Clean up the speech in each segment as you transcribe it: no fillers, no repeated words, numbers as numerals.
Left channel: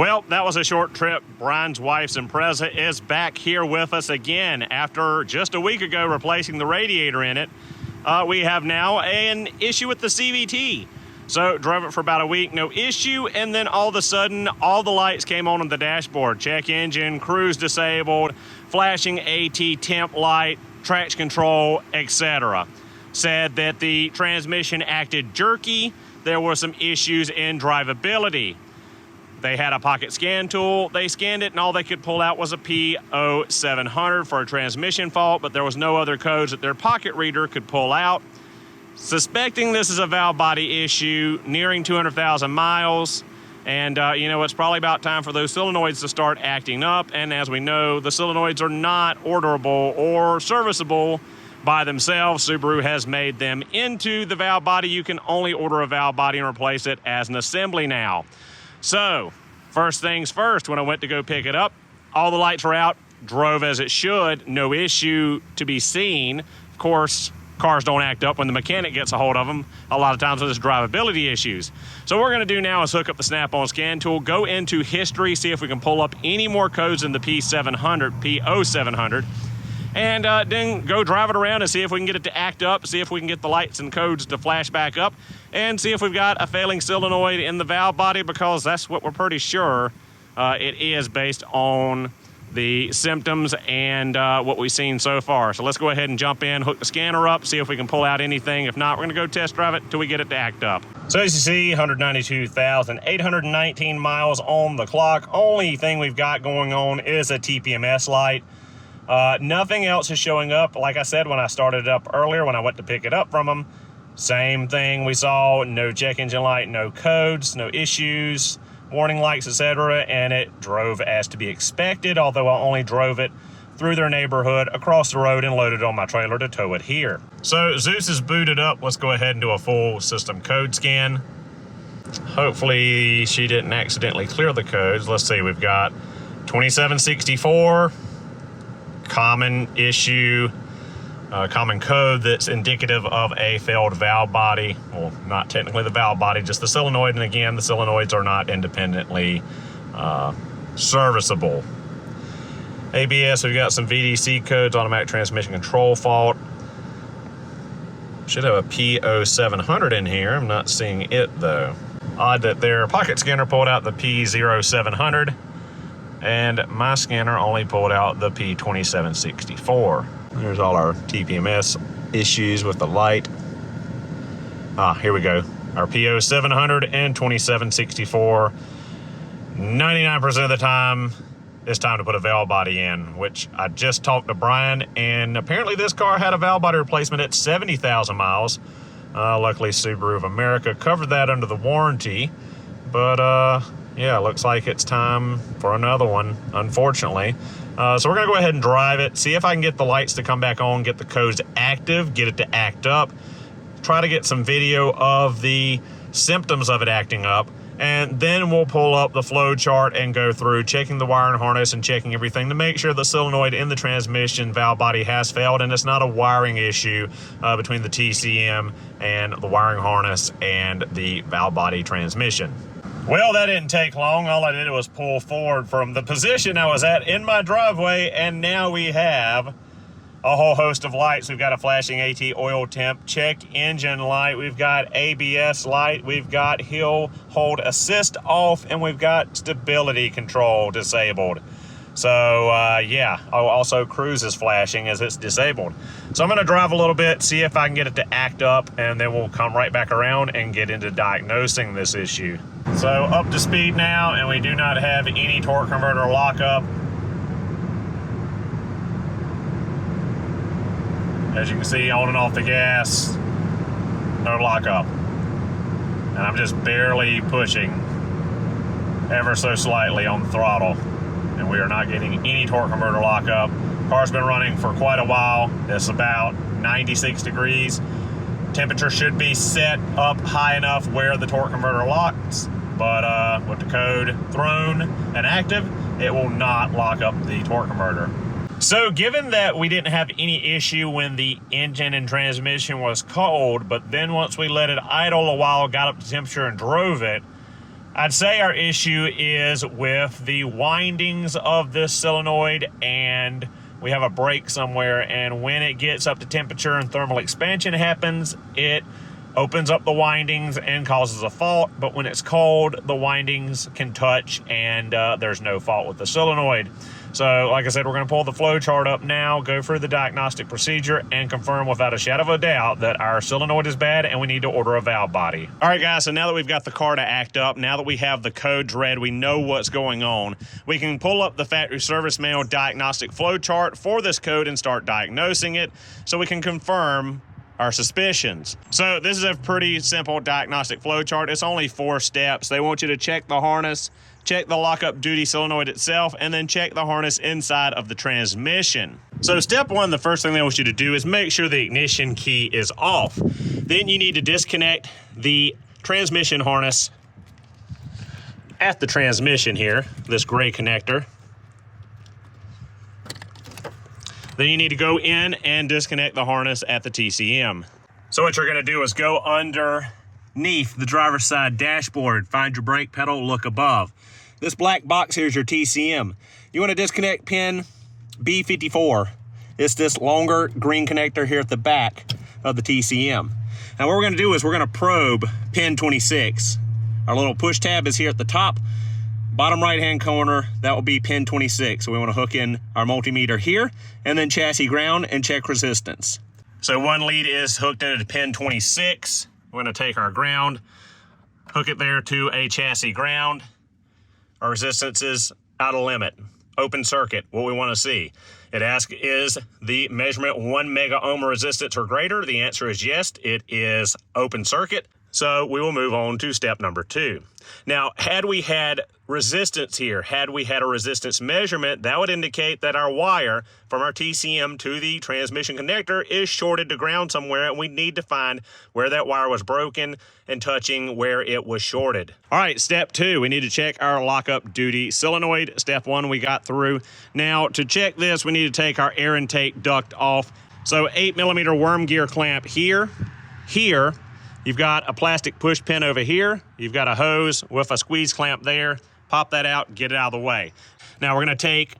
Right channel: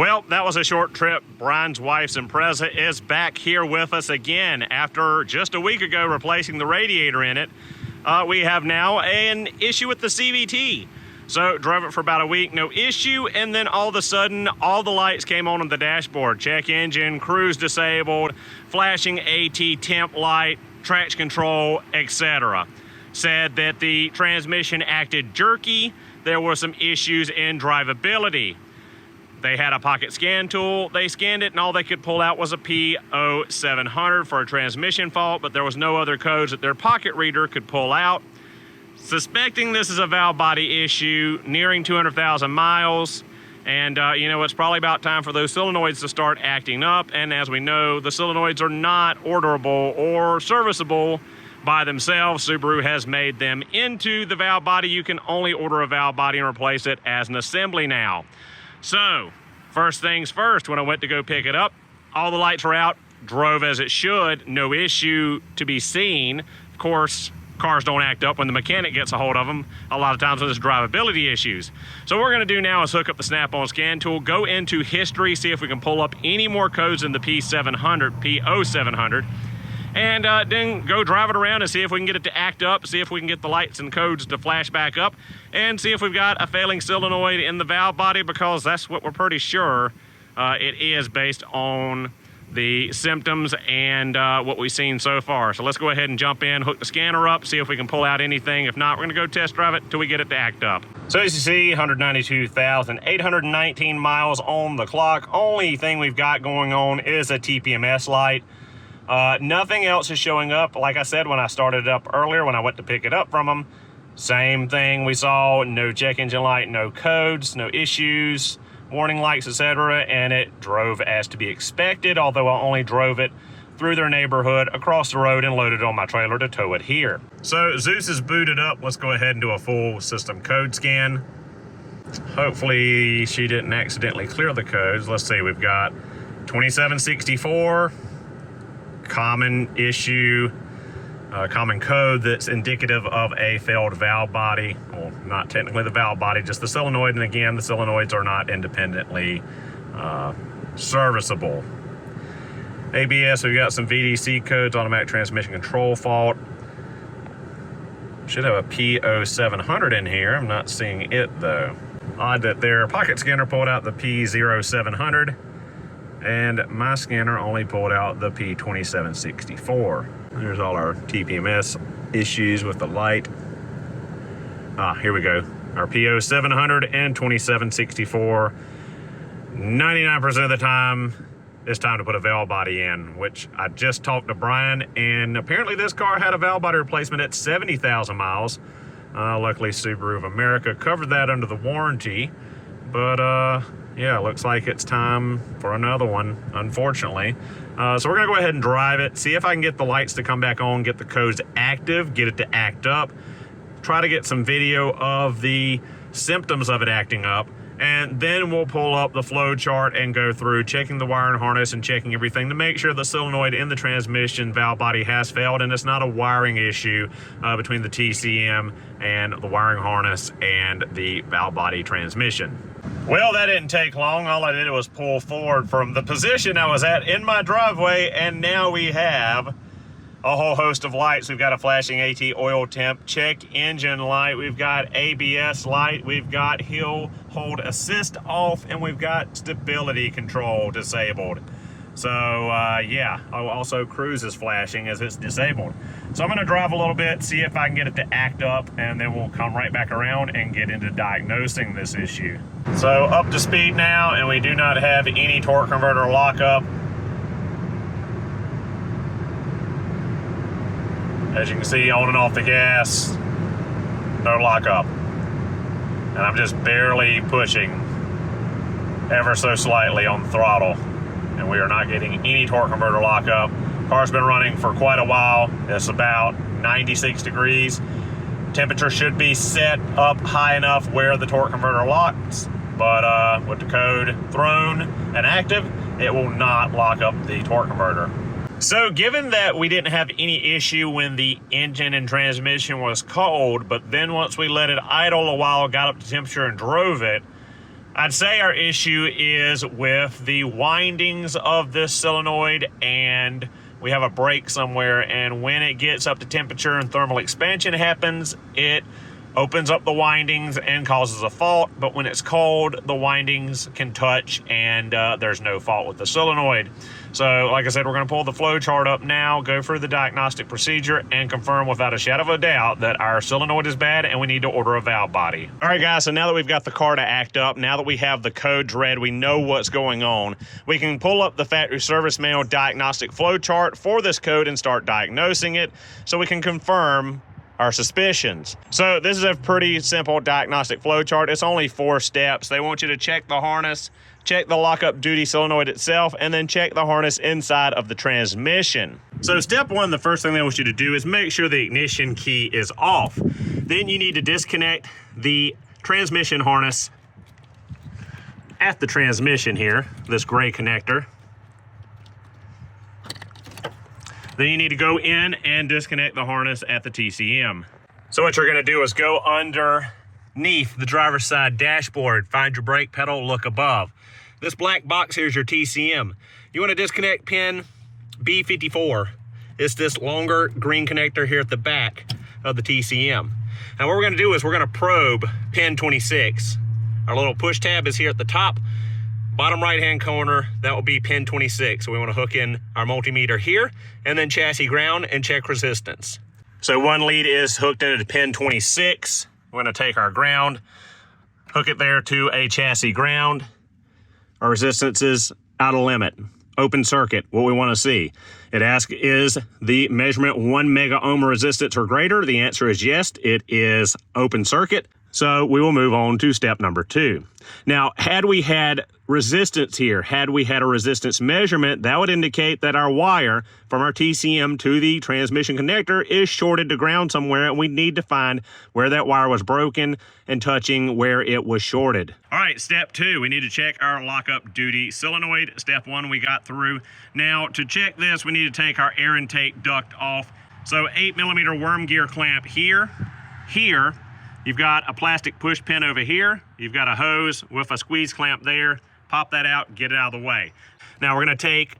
Well, that was a short trip. Brian's wife's Impreza is back here with us again after just a week ago replacing the radiator in it. We have now an issue with the CVT. So drove it for about a week, no issue, and then all of a sudden all the lights came on the dashboard. Check engine, cruise disabled, flashing AT temp light, traction control, etc. Said that the transmission acted jerky. There were some issues in drivability. They had a pocket scan tool. They scanned it and all they could pull out was a P0700 for a transmission fault, but there was no other codes that their pocket reader could pull out. Suspecting this is a valve body issue, nearing 200,000 miles. And you know, it's probably about time for those solenoids to start acting up. And as we know, the solenoids are not orderable or serviceable by themselves. Subaru has made them into the valve body. You can only order a valve body and replace it as an assembly now. So, first things first, when I went to go pick it up, all the lights were out, drove as it should, no issue to be seen. Of course, cars don't act up when the mechanic gets a hold of them. A lot of times there's drivability issues. So what we're gonna do now is hook up the snap-on scan tool, go into history, see if we can pull up any more codes in the P0700, and then go drive it around and see if we can get it to act up, see if we can get the lights and codes to flash back up, and see if we've got a failing solenoid in the valve body, because that's what we're pretty sure it is based on the symptoms and what we've seen so far. So let's go ahead and jump in, hook the scanner up, see if we can pull out anything. If not, we're gonna go test drive it until we get it to act up. So as you see, 192,819 miles on the clock. Only thing we've got going on is a TPMS light. Nothing else is showing up. Like I said, when I started it up earlier, when I went to pick it up from them, same thing we saw, no check engine light, no codes, no issues, warning lights, etc. And it drove as to be expected, although I only drove it through their neighborhood, across the road, and loaded on my trailer to tow it here. So Zeus is booted up. Let's go ahead and do a full system code scan. Hopefully she didn't accidentally clear the codes. Let's see, we've got 2764, common issue, common code that's indicative of a failed valve body. Well, not technically the valve body, just the solenoid. And again, the solenoids are not independently serviceable. ABS, we've got some VDC codes, automatic transmission control fault. Should have a P0700 in here. I'm not seeing it though. Odd that their pocket scanner pulled out the P0700 and my scanner only pulled out the P2764. There's all our TPMS issues with the light. Here we go. Our P0700 and 2764. 99% of the time, it's time to put a valve body in, which I just talked to Brian, and apparently this car had a valve body replacement at 70,000 miles. Luckily, Subaru of America covered that under the warranty, but yeah, looks like it's time for another one, unfortunately. So we're gonna go ahead and drive it, see if I can get the lights to come back on, get the codes active, get it to act up, try to get some video of the symptoms of it acting up, and then we'll pull up the flow chart and go through checking the wiring harness and checking everything to make sure the solenoid in the transmission valve body has failed and it's not a wiring issue between the TCM and the wiring harness and the valve body transmission. Well, that didn't take long. All I did was pull forward from the position I was at in my driveway, and now we have a whole host of lights. We've got a flashing AT oil temp, check engine light, we've got ABS light, we've got hill hold assist off, and we've got stability control disabled. So yeah, also cruise is flashing as it's disabled. So I'm gonna drive a little bit, see if I can get it to act up, and then we'll come right back around and get into diagnosing this issue. So up to speed now, and we do not have any torque converter lockup. As you can see, on and off the gas, no lockup. And I'm just barely pushing ever so slightly on the throttle, and we are not getting any torque converter lockup. Car's been running for quite a while. It's about 96 degrees. Temperature should be set up high enough where the torque converter locks, but with the code thrown and active, it will not lock up the torque converter. So given that we didn't have any issue when the engine and transmission was cold, but then once we let it idle a while, got up to temperature and drove it, I'd say our issue is with the windings of this solenoid, and we have a break somewhere, and when it gets up to temperature and thermal expansion happens, it opens up the windings and causes a fault. But when it's cold, the windings can touch, and there's no fault with the solenoid. So like I said, we're going to pull the flow chart up now, go through the diagnostic procedure, and confirm without a shadow of a doubt that our solenoid is bad and we need to order a valve body. All right, guys, so now that we've got the car to act up, now that we have the codes read, we know what's going on, we can pull up the factory service manual diagnostic flow chart for this code and start diagnosing it so we can confirm our suspicions. So this is a pretty simple diagnostic flow chart. It's only 4 steps. They want you to check the harness, check the lockup duty solenoid itself, and then check the harness inside of the transmission. So step 1, the first thing they want you to do is make sure the ignition key is off. Then you need to disconnect the transmission harness at the transmission here, this gray connector. Then you need to go in and disconnect the harness at the TCM. So what you're gonna do is go underneath the driver's side dashboard, find your brake pedal, look above. This black box here is your TCM. You want to disconnect pin B54. It's this longer green connector here at the back of the TCM. Now what we're going to do is we're going to probe pin 26. Our little push tab is here at the top. Bottom right hand corner, that will be pin 26. So we want to hook in our multimeter here and then chassis ground and check resistance. So one lead is hooked into pin 26. We're going to take our ground, hook it there to a chassis ground. Our resistance is out of limit, open circuit, what we want to see. It asks, is the measurement 1 mega ohm resistance or greater? The answer is yes, it is open circuit. So we will move on to step number 2. Now, had we had resistance here, had we had a resistance measurement, that would indicate that our wire from our TCM to the transmission connector is shorted to ground somewhere, and we need to find where that wire was broken and touching where it was shorted. All right, step 2, we need to check our lockup duty solenoid. Step 1 we got through. Now, to check this, we need to take our air intake duct off. So 8mm worm gear clamp here. You've got a plastic push pin over here. You've got a hose with a squeeze clamp there. Pop that out, get it out of the way. Now we're gonna take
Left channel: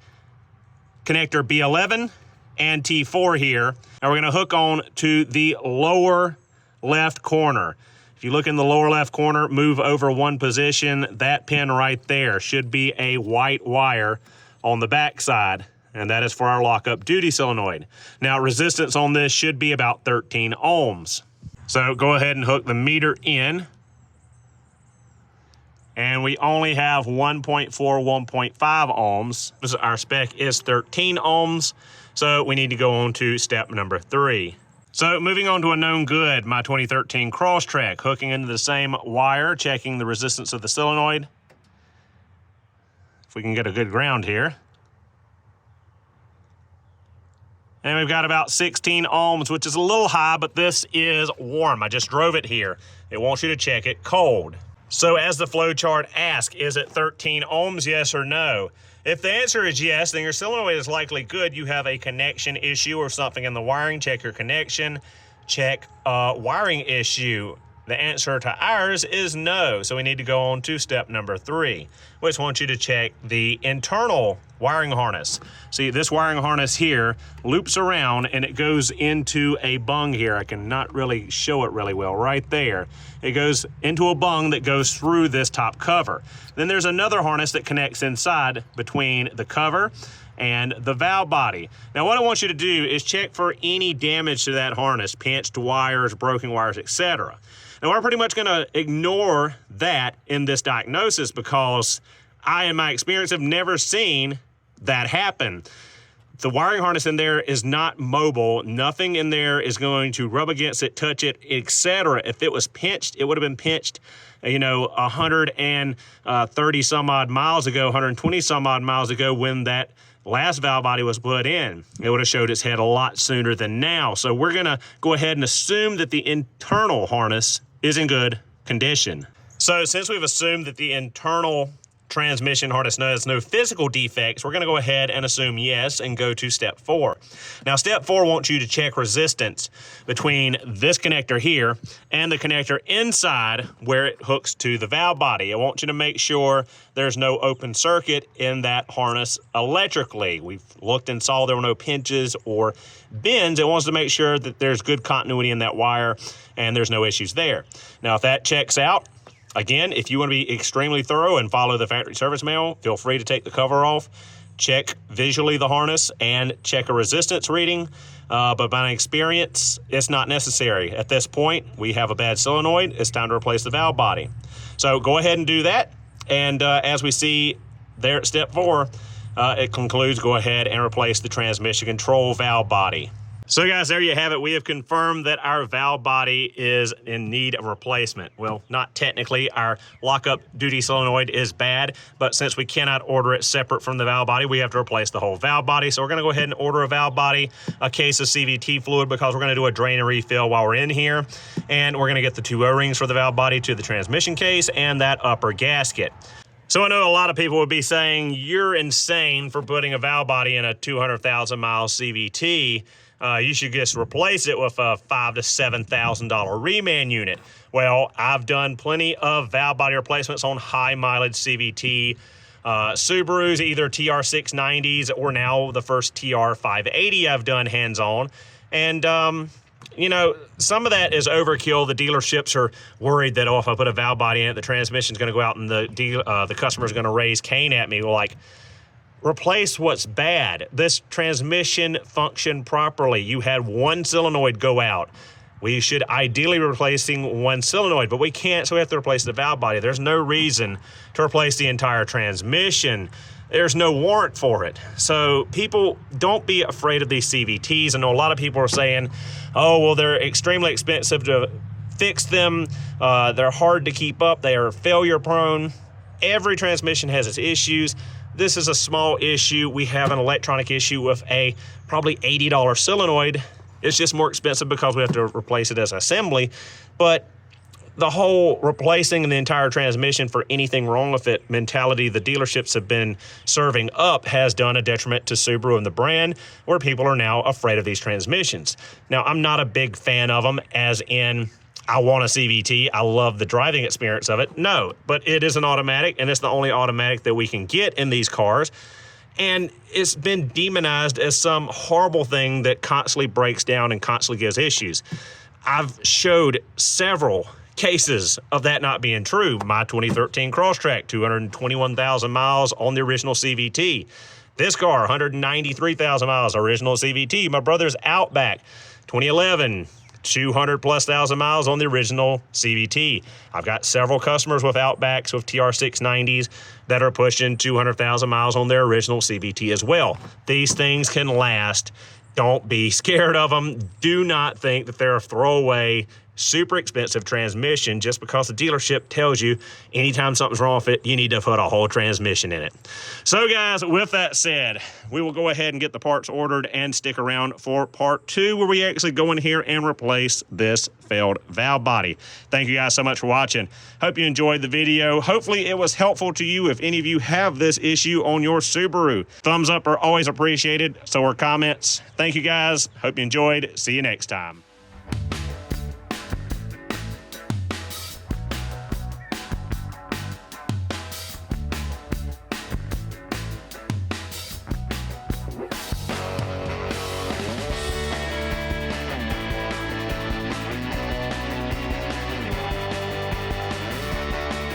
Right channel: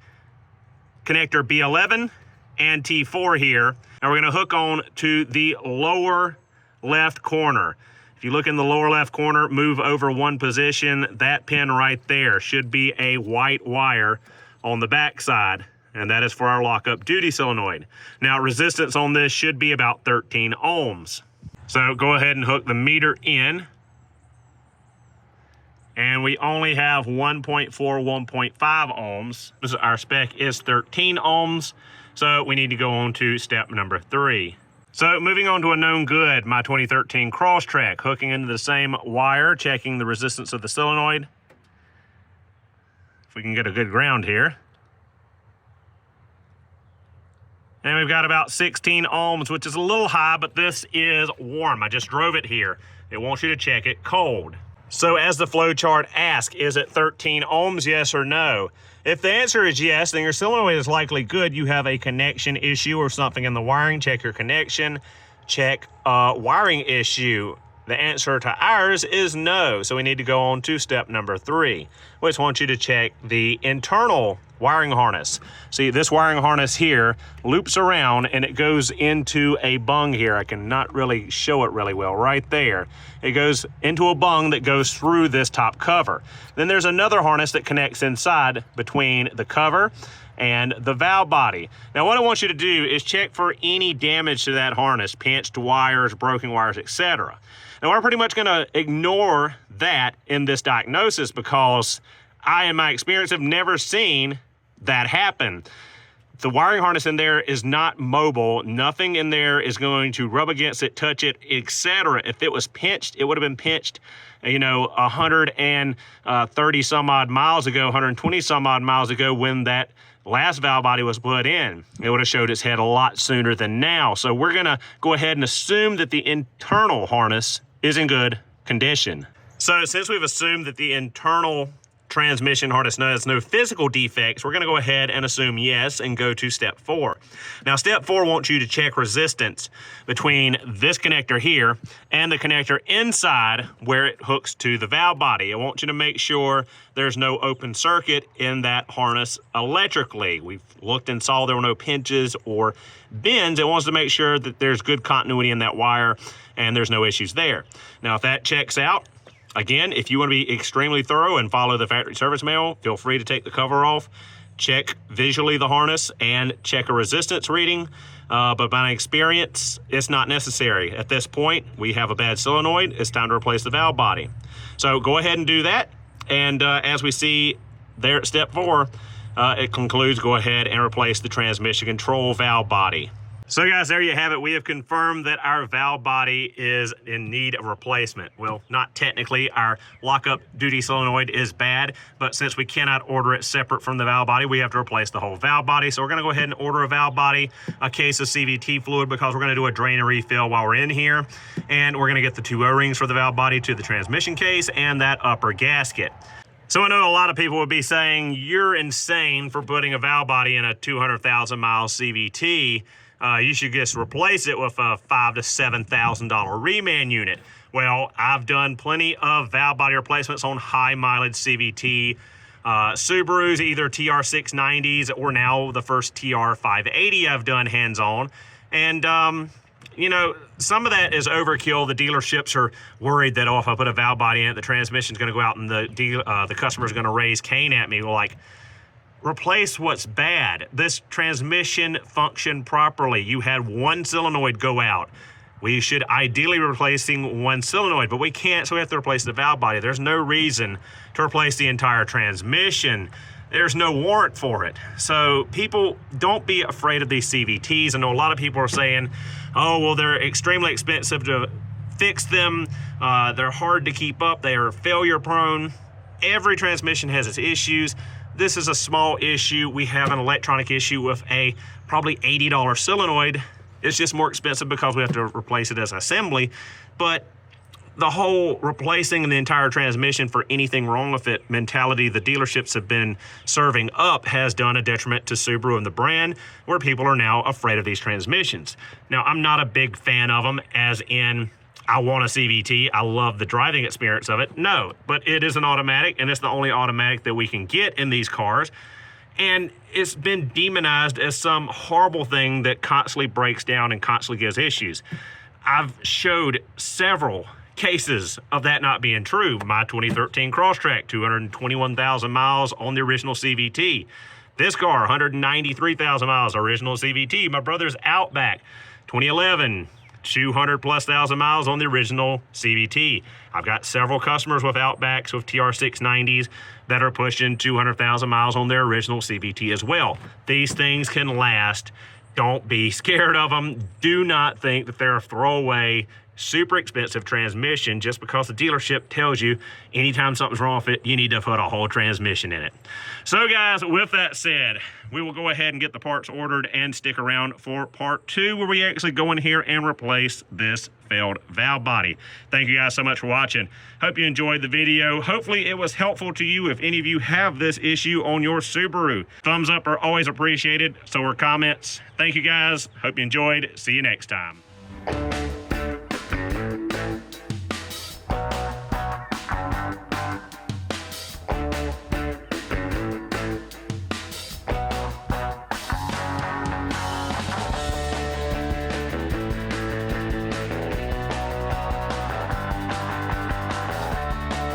connector B11 and T4 here, and we're gonna hook on to the lower left corner. If you look in the lower left corner, move over 1 position, that pin right there should be a white wire on the back side, and that is for our lockup duty solenoid. Now resistance on this should be about 13 ohms. So go ahead and hook the meter in. And we only have 1.4, 1.5 ohms. Our spec is 13 ohms. So we need to go on to step number 3. So moving on to a known good, my 2013 Crosstrek, hooking into the same wire, checking the resistance of the solenoid. If we can get a good ground here. And we've got about 16 ohms, which is a little high, but this is warm. I just drove it here. It wants you to check it cold. So as the flow chart asks, is it 13 ohms, yes or no? If the answer is yes, then your solenoid is likely good. You have a connection issue or something in the wiring. Check your connection, check wiring issue. The answer to ours is no. So we need to go on to step number 3, which wants you to check the internal wiring harness. See, this wiring harness here loops around and it goes into a bung here. I cannot really show it really well right there. It goes into a bung that goes through this top cover. Then there's another harness that connects inside between the cover and the valve body. Now what I want you to do is check for any damage to that harness, pinched wires, broken wires, etc. Now we're pretty much gonna ignore that in this diagnosis because I, in my experience, have never seen that happen. The wiring harness in there is not mobile. Nothing in there is going to rub against it, touch it, etc. If it was pinched, it would have been pinched, 130 some odd miles ago, 120 some odd miles ago when that last valve body was put in. It would have showed its head a lot sooner than now. So we're gonna go ahead and assume that the internal harness is in good condition. So since we've assumed that the internal transmission harness has no physical defects, we're going to go ahead and assume yes and go to step 4. Now, step 4 wants you to check resistance between this connector here and the connector inside where it hooks to the valve body. I want you to make sure there's no open circuit in that harness electrically. We've looked and saw there were no pinches or bends. It wants to make sure that there's good continuity in that wire and there's no issues there. Now, if that checks out, again, if you want to be extremely thorough and follow the factory service manual, feel free to take the cover off, check visually the harness, and check a resistance reading. But by experience, it's not necessary. At this point, we have a bad solenoid. It's time to replace the valve body. So go ahead and do that. And as we see there at step 4, it concludes, go ahead and replace the transmission control valve body. So guys, there you have it. We have confirmed that our valve body is in need of replacement. Well, not technically. Our lockup duty solenoid is bad, but since we cannot order it separate from the valve body, we have to replace the whole valve body. So we're gonna go ahead and order a valve body, a case of CVT fluid, because we're gonna do a drain and refill while we're in here. And we're gonna get the 2 O-rings for the valve body to the transmission case and that upper gasket. So I know a lot of people would be saying, you're insane for putting a valve body in a 200,000 mile CVT. You should just replace it with a $5,000 to $7,000 reman unit. Well, I've done plenty of valve body replacements on high mileage CVT Subarus, either TR690s or now the first TR580 I've done hands-on. And, you know, some of that is overkill. The dealerships are worried that, oh, if I put a valve body in it, the transmission's going to go out and the customer's going to raise Cain at me. Well, like, replace what's bad. This transmission functioned properly. You had 1 solenoid go out. We should ideally be replacing 1 solenoid, but we can't, so we have to replace the valve body. There's no reason to replace the entire transmission. There's no warrant for it. So people, don't be afraid of these CVTs. I know a lot of people are saying, oh, well, they're extremely expensive to fix them. They're hard to keep up. They are failure prone. Every transmission has its issues. This is a small issue. We have an electronic issue with a probably $80 solenoid. It's just more expensive because we have to replace it as assembly. But the whole replacing the entire transmission for anything wrong with it mentality the dealerships have been serving up has done a detriment to Subaru and the brand, where people are now afraid of these transmissions. Now, I'm not a big fan of them, as in, I want a CVT. I love the driving experience of it. No, but it is an automatic, and it's the only automatic that we can get in these cars. And it's been demonized as some horrible thing that constantly breaks down and constantly gives issues. I've showed several cases of that not being true. My 2013 Crosstrek, 221,000 miles on the original CVT. This car, 193,000 miles, original CVT. My brother's Outback, 2011. 200,000+ miles on the original CVT. I've got several customers with Outbacks with TR690s that are pushing 200,000 miles on their original CVT as well. These things can last. Don't be scared of them. Do not think that they're a throwaway, super expensive transmission just because the dealership tells you anytime something's wrong with it, you need to put a whole transmission in it. So guys, with that said, we will go ahead and get the parts ordered and stick around for part 2, where we actually go in here and replace this failed valve body. Thank you guys so much for watching. Hope you enjoyed the video. Hopefully it was helpful to you if any of you have this issue on your Subaru. Thumbs up are always appreciated, so are comments. Thank you guys. Hope you enjoyed. See you next time.